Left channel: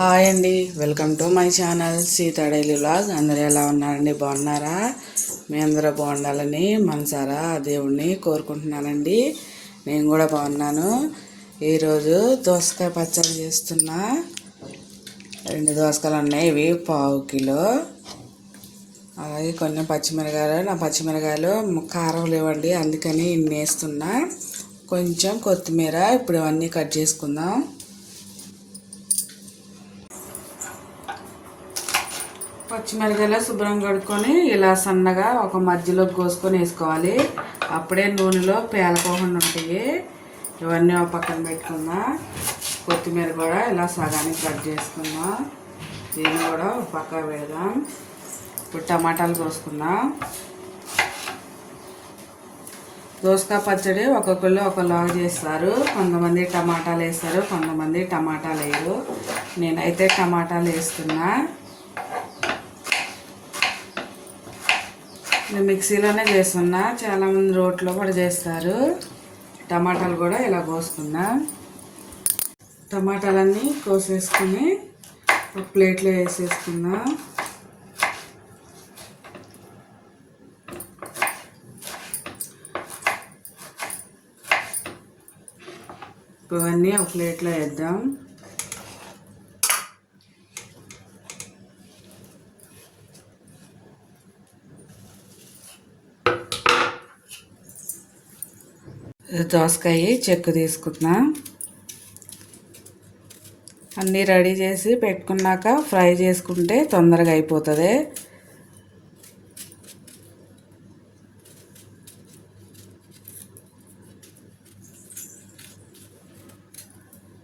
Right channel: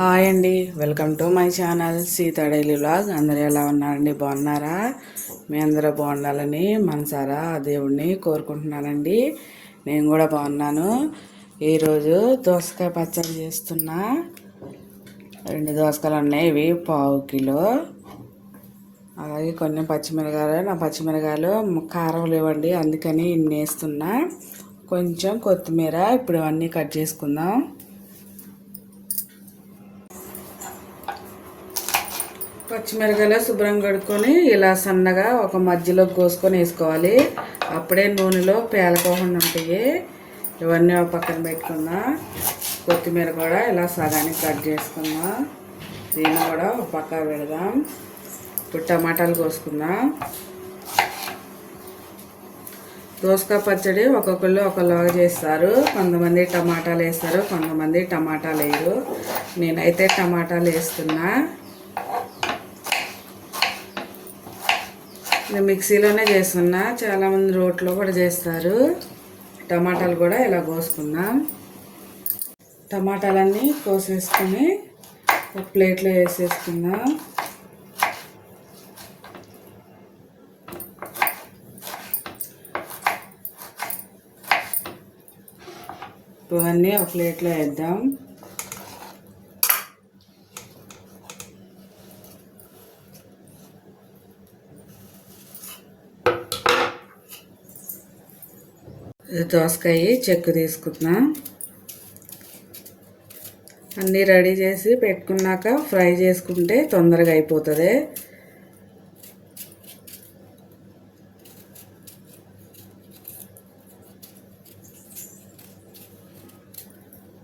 Hi అండి. Welcome to my channel Sita daily vlog. అందరూ ఎలా ఉన్నారండి? బాగున్నారా? మీ అందరూ బాగుండాలని మనసారా దేవుణ్ణి కోరుకుంటున్నానండి. నేను కూడా బాగున్నాను. ఈరోజు దోసకాయ పచ్చడి చేస్తున్నా. రెండు దోసకాయలు ఉన్నాయి. ఇవి పావు కిలో. అలాగే కొన్ని పచ్చిమిరకాయలు. నా పచ్చిమిరకాయలు కారం లేవండి. అందుకని ఇన్ని వేస్తున్నా కొంచెం కొత్తిమీర. ఇప్పుడు ఇవన్నీ కట్ చేసుకుందాం. పచ్చిమిరకాయలు శుభ్రంగా కడుక్కొని ఇలా సన్నగా ఒక మధ్యలో కోసుకొని వేసుకోవాలి. అప్పుడే నూనెలో పేలకోకుండా ఉంటాయి. ఇవన్నీ ఒక పక్కన పెట్టుకుందాం. కొత్తిమీర కూడా ఇలా సగానికి కట్ చేసుకుందాం. దీన్ని కూడా ఒక పక్క పెడదాం. ఇప్పుడు టమాటాలు కోసుకుందాం. దోసకాయ పచ్చడి ఒక్కొక్కళ్ళు ఒకలాగా చేస్తారు. కొంతమంది టమాటాలు వేస్తారు కొంతమంది టమాటాలు వేయరు. నేనైతే టమాటాలు వేస్తున్నా. నేను మిక్సీలోనే చేస్తున్నా. చాలామంది రోట్లో కూడా చేస్తారు. టమాటాలు కూడా ఇలా కోసుకుందాం. టమాటాలన్నీ కోసేసుకుని ఒక ప్లేట్లో వేసేసుకుందాం. ఇప్పుడు ఇవన్నీ ఒక ప్లేట్లో వేద్దాం. దోసకాయ చెక్కు తీసుకున్నా. అన్నీ రెడీ చేసి పెట్టుకున్నాక ఫ్రై చేసుకుంటే తొందరగా అయిపోతుంది.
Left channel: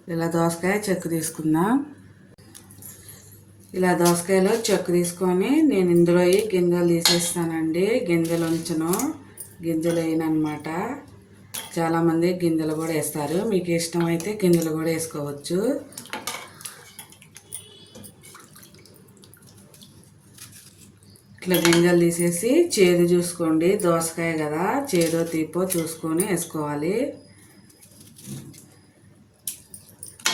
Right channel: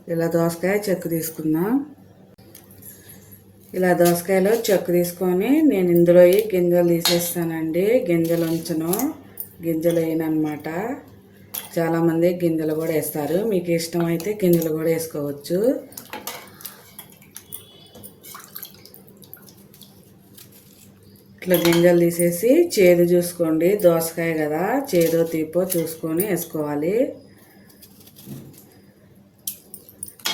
ఇలా దోసకాయ చెక్కు తీసుకుందాం ఇలా దోసకాయలో చెక్కు తీసుకొని నేను ఇందులో గింజలు తీసేస్తానండి. గింజలు ఉంచను. గింజలు వేయనమాట చాలామంది గింజలు కూడా వేస్తారు. మీకు ఇష్టమైతే గింజలు కూడా వేసుకోవచ్చు. ఇట్లా గింజలు తీసేసి చేదు చూసుకోండి. దోసకాయ కదా చేదో తీపో చూసుకొని వేసుకోవాలి.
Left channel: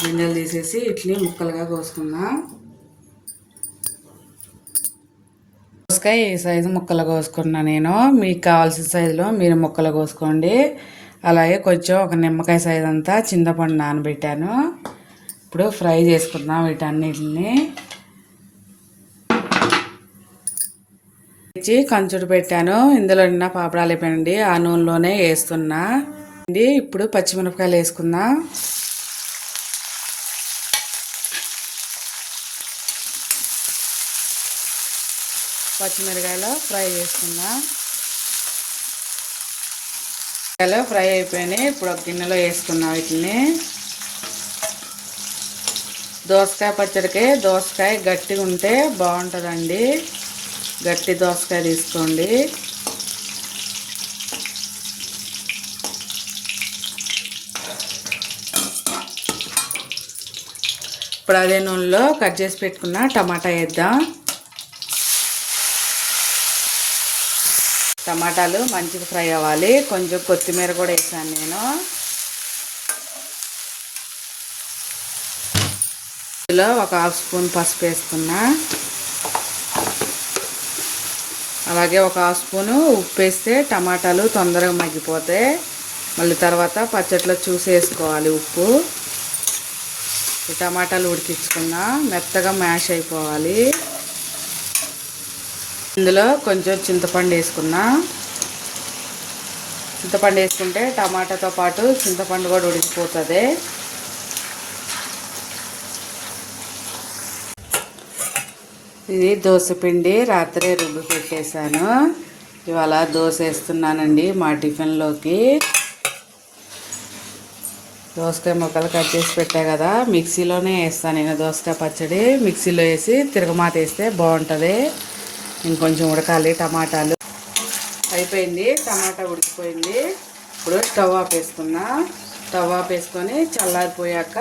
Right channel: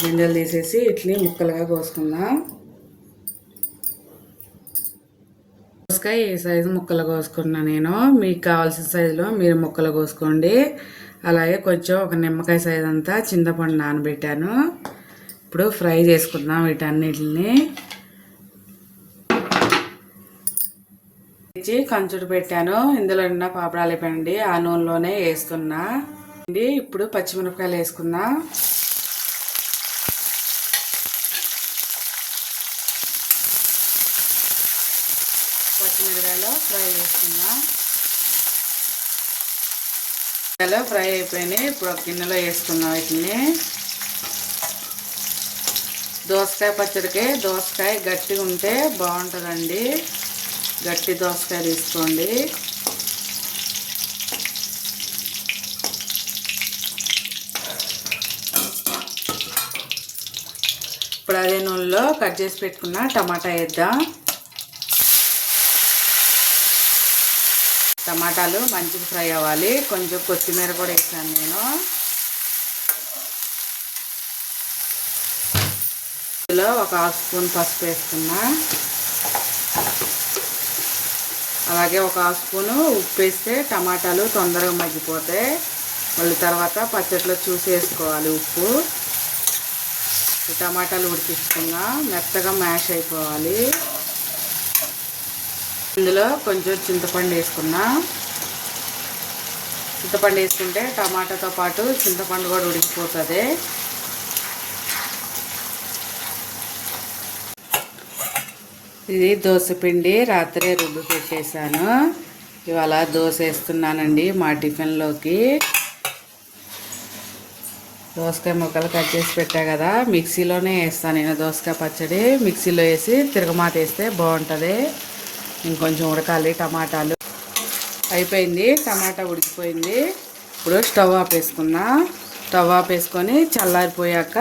గింజలు తీసేసి ఇట్లీ ముక్కలుగా కోసుకుందాం. దోసకాయ ఈ సైజు ముక్కలు కోసుకున్నా నేను. మీకు కావాల్సిన సైజులో మీరు ముక్కలు కోసుకోండి. అలాగే కొంచెం ఒక నిమ్మకాయ సైజ్ అంతా చింతపండు నానబెట్టాను. ఇప్పుడు ఫ్రై చేసుకుందాం వీటన్నిటిని. ఇచ్చి కంచుడు పెట్టాను. ఇందులో నిన్న పాపడాలు అయిపోయినండి ఆ నూనెలోనే వేస్తున్నా. ఇప్పుడు పచ్చిమిరపకాయలు వేసుకుందాం. పచ్చిమిరపకాయలు ఫ్రై చేసుకుందాం. మిరపకాయలు ఫ్రై అయిపోయినాయి. ఇప్పుడు ఒక గిన్నెలో వేసుకున్నాం వీటిని. దోసకాయ పచ్చడికి దోసకాయ గట్టిగా ఉంటే బాగుంటుందండి. గట్టి దోసకాయ తీసుకోండి. ఇప్పుడు అదే నూనెలో కట్ చేసి పెట్టుకున్న టమాటా వేద్దాం. టమాటాలు మంచిగా ఫ్రై అవ్వాలి. కొంచెం కొత్తిమీర కూడా వేసాను నేను. ఇందులో ఒక హాఫ్ స్పూన్ పసుపు వేస్తున్నా. అలాగే ఒక హాఫ్ స్పూను ఉప్పు వేస్తే టమాటాలు తొందరగా మగ్గిపోతాయి. మళ్ళీ తర్వాత పచ్చట్లో చూసి వేసుకోవాలి ఉప్పు. టమాటాలు ఉడికించుకుందాం. మెత్తగా మ్యాష్ అయిపోవాలి. ఇందులో కొంచెం చింతపండు వేసుకున్నా. చింతపండు వేసుకుంటే టమాటాతో పాటు చింతపండు కూడా ఉడికిపోతుంది. ఇది దోశపిండి రాత్రే రుబ్బు పెట్టేశాను. ఇవాళ దోశ వేస్తున్నానండి మా టిఫిన్లోకి. దోసకాయ ముక్కలు కట్ చేసి పెట్టా కదా మిక్సీలోనే వేస్తాను నేను దోసకాయ పచ్చడి. మిక్సీలో వేసి తిరగమాట వేస్తే బాగుంటుంది. ఇంకొంచెం ఉడకాలి టమాటాలు. అయిపోయింది టమాటా ఉడికిపోయింది. ఇప్పుడు స్టవ్ ఆపేసుకున్నా. స్టవ్ ఆపేసుకొని వేసుకొని చల్లారిపోయాక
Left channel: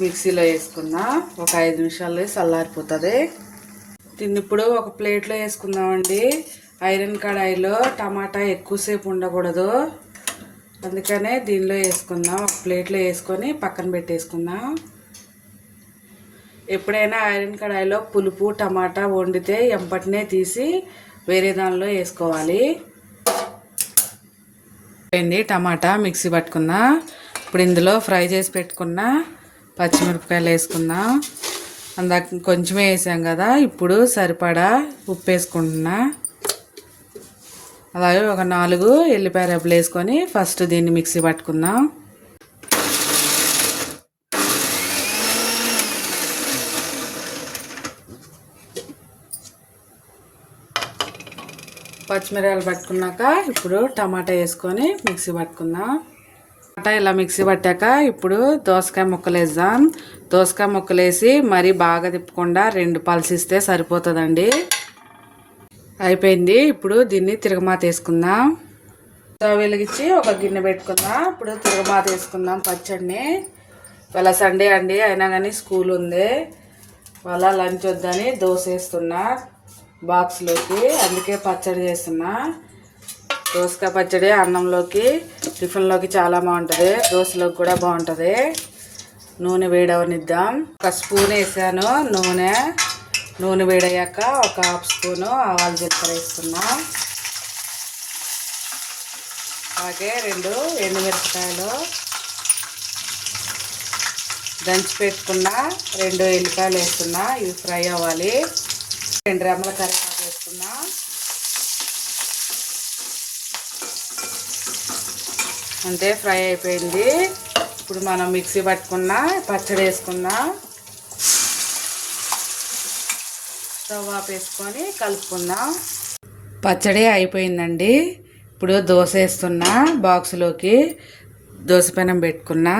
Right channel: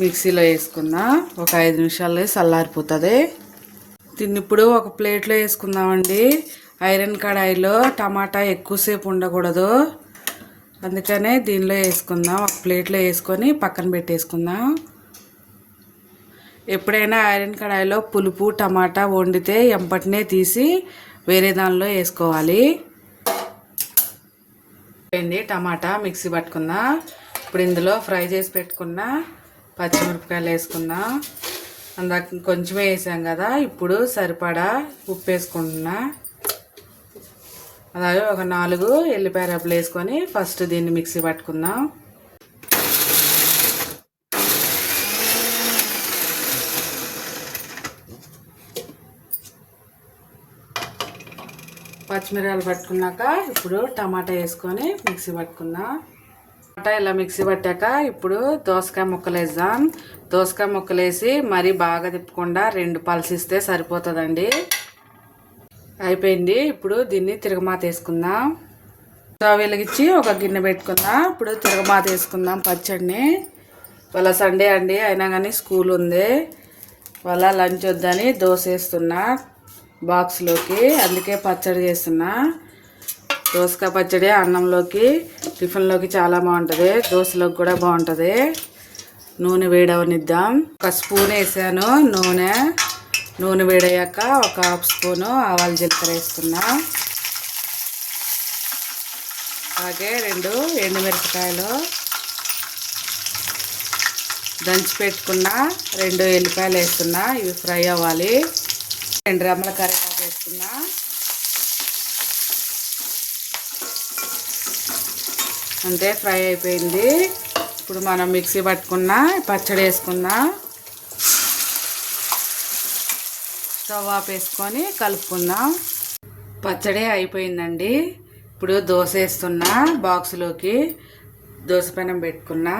మిక్సీలో వేసుకున్నా. ఒక ఐదు నిమిషాలు చల్లారిపోతుంది. దీన్ని ఇప్పుడు ఒక ప్లేట్లో వేసుకుందామండి. ఐరన్ కడాయిలో టమాటా ఎక్కువసేపు ఉండకూడదు. అందుకనే దీనిలో వేసుకుందాం. ఒక ప్లేట్లో వేసుకొని పక్కన పెట్టేసుకుందాం. ఎప్పుడైనా ఐరన్ కడాయిలో పులుపు టమాటా వండితే ఎంపటినే తీసి వేరే దానిలో వేసుకోవాలి. అయింది టమాటా మిక్సీ పట్టుకున్నా. ఇప్పుడు ఇందులో ఫ్రై చేసి పెట్టుకున్న పచ్చిమిరపకాయలు వేసుకుందాం అందాక కొంచెమే వేసాం కదా ఇప్పుడు సరిపడా ఉప్పు వేసుకుంటున్నా. అలాగే ఒక నాలుగు ఎల్లిపాయ రెబ్బలు వేసుకొని ఫస్ట్ దీన్ని మిక్సీ పట్టుకుందాం. పచ్చిమిరపకాయలు పట్టుకున్నాక ఇప్పుడు టమాటా వేసుకొని మిక్సీ పట్టుకుందాం. టమాటా ఇలా మిక్సీ పట్టాక ఇప్పుడు దోసకాయ ముక్కలు వేద్దాం. దోసకాయ ముక్కలు వేసి మరీ బాగా తిప్పకుండా రెండు పల్సిస్తే సరిపోతుందండి. అయిపోయింది. ఇప్పుడు దీన్ని తిరగమాత వేసుకుందాం. స్టవ్ వెలిగించి ఒక గిన్నె పెట్టుకుందాం ఇప్పుడు తిరగమాత వేసుకుందాం పచ్చడిని. వాళ్ళ సండే అండి అయినా కానీ స్కూల్ ఉంది. వాళ్ళ లంచ్ వద్దని దోశ వేస్తున్నా. బాక్స్లోకి అందుకే పచ్చడి చేస్తున్నా. దోసకాయ పచ్చడి అన్నంలోకి టిఫిన్లోకి చాలా బాగుంటుంది. దోశలోకి కూడా బాగుంటుంది. నూనె వేడవనిద్దాం. ఒక స్పూన్ వేసాను నూనె. నూనె వేడయ్యాక ఒక హాఫ్ స్పూను ఆవాలు జీలకర్ర వేసుకున్నా. అలాగే రెండు ఎండుమిరపకాయలు. దంచి పెట్టుకున్న రెండు ఎల్లిపాయలు వేస్తున్నా ఇవి ఫ్రై అవ్వాలి. రెండు రమ్మల కరివేపాకు వేసుకున్నా అంటే ఫ్రై అయిపోయింది. ఇప్పుడు మనం మిక్సీ పట్టుకున్న పచ్చడి వేసుకుందాం. స్టవ్ ఆఫ్ వేసుకొని కలుపుకుందాం. పచ్చడి అయిపోయిందండి. ఇప్పుడు దోశ వేస్తున్నా బాక్స్లోకి దోశ పెనం పెట్టుకున్నా.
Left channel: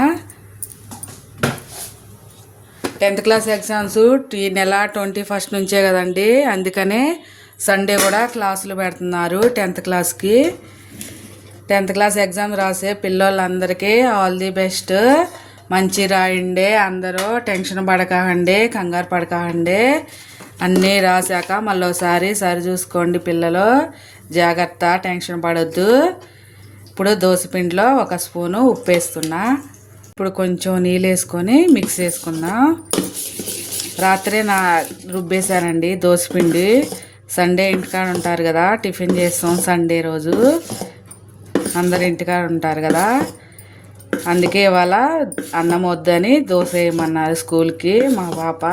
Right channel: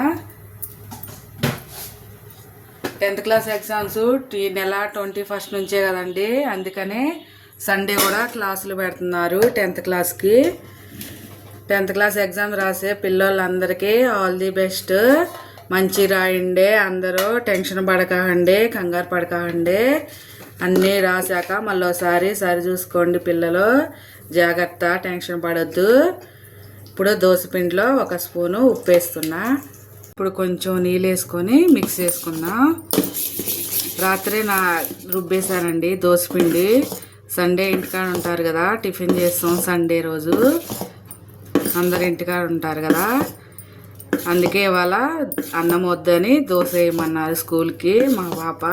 టెన్త్ క్లాస్ ఎగ్జామ్స్ ఈ నెల ట్వంటీ ఫస్ట్ నుంచే కదండి. అందుకనే సండే కూడా క్లాసులు పెడుతున్నారు టెన్త్ క్లాస్కి. టెన్త్ క్లాస్ ఎగ్జామ్ రాసే పిల్లలందరికీ ఆల్ ది బెస్ట్. మంచి రాయండి అందరూ టెన్షన్ పడకండి కంగారు పడకండి. అన్నీ రాశాక మళ్ళీ సరి చూసుకోండి పిల్లలు. జాగ్రత్త టెన్షన్ పడొద్దు. ఇప్పుడు దోసపిండిలో ఒక స్పూను ఉప్పు వేస్తున్నా ఇప్పుడు కొంచెం నీళ్ళు వేసుకొని మిక్స్ చేసుకున్నా. రాత్రే నా రుబ్బేశానండి దోసపిండి సండే ఇంటికాడ ఉంటారు కదా టిఫిన్ చేస్తాం సండే రోజు. అందరు ఇంటికాడ ఉంటారు కదా. అందుకే ఇవాళ అన్నం వద్దని దోశ వేయమన్నారు స్కూల్కి మా పాప.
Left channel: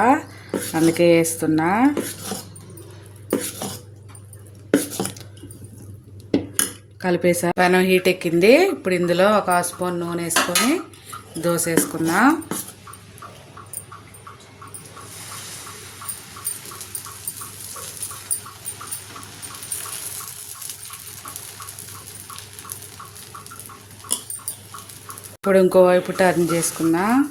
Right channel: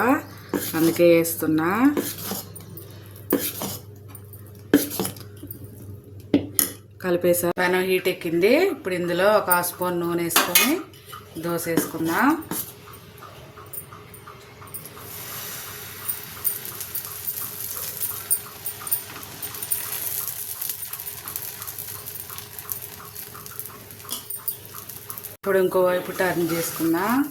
అందుకే వేస్తున్నా. కలిపేసా. పెనం హీట్ ఎక్కింది. ఇప్పుడు ఇందులో ఒక స్పూన్ నూనె వేసుకొని దోశ వేసుకుందాం ఇప్పుడు ఇంకోవైపు టర్న్ చేసుకున్నా.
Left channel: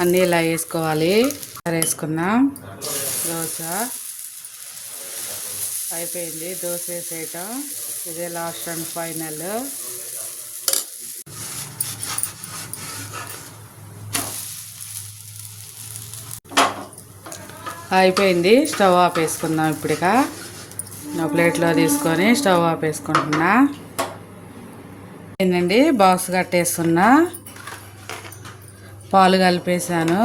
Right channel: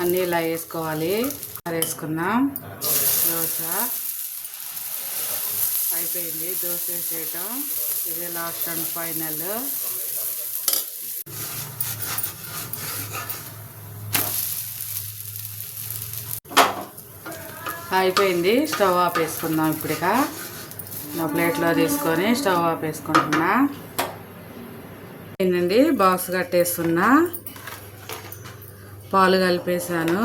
అన్నీ ఇలా వేసుకోవాలి? వేసుకున్నాం. దోశ. అయిపోయింది దోశ వేసేయటం ఇదే లాస్ట్ అండ్ ఫైనల్ అయిపోయింది. స్టవ్ ఆఫ్ వేసుకుందాం ఇప్పుడుగా నా ప్లేట్లో తీసుకొని స్టవ్ ఆఫ్ వేసుకుంటున్నా ఏంటండి? బాక్స్ కట్టేస్తున్నా. పాలు కలిపేసాను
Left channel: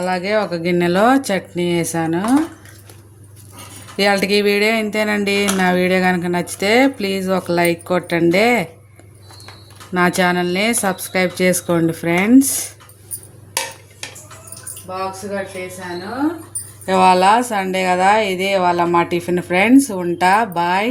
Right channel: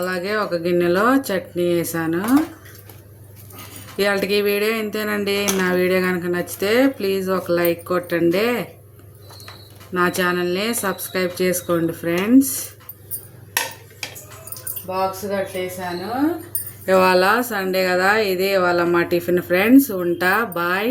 అలాగే ఒక గిన్నెలో చట్నీ వేసాను ఇవాళకి ఈ వీడియో ఇంతేనండి. నా వీడియో కనుక నచ్చితే ప్లీజ్ ఒక లైక్ కొట్టండి. నా ఛానల్ని సబ్స్క్రైబ్ చేసుకోండి ఫ్రెండ్స్. బాక్స్ కట్టేసాను ఇవాళ సండే కదా ఇది ఇవాళ మా టిఫిన్ ఫ్రెండ్స్. ఉంటా బాయ్.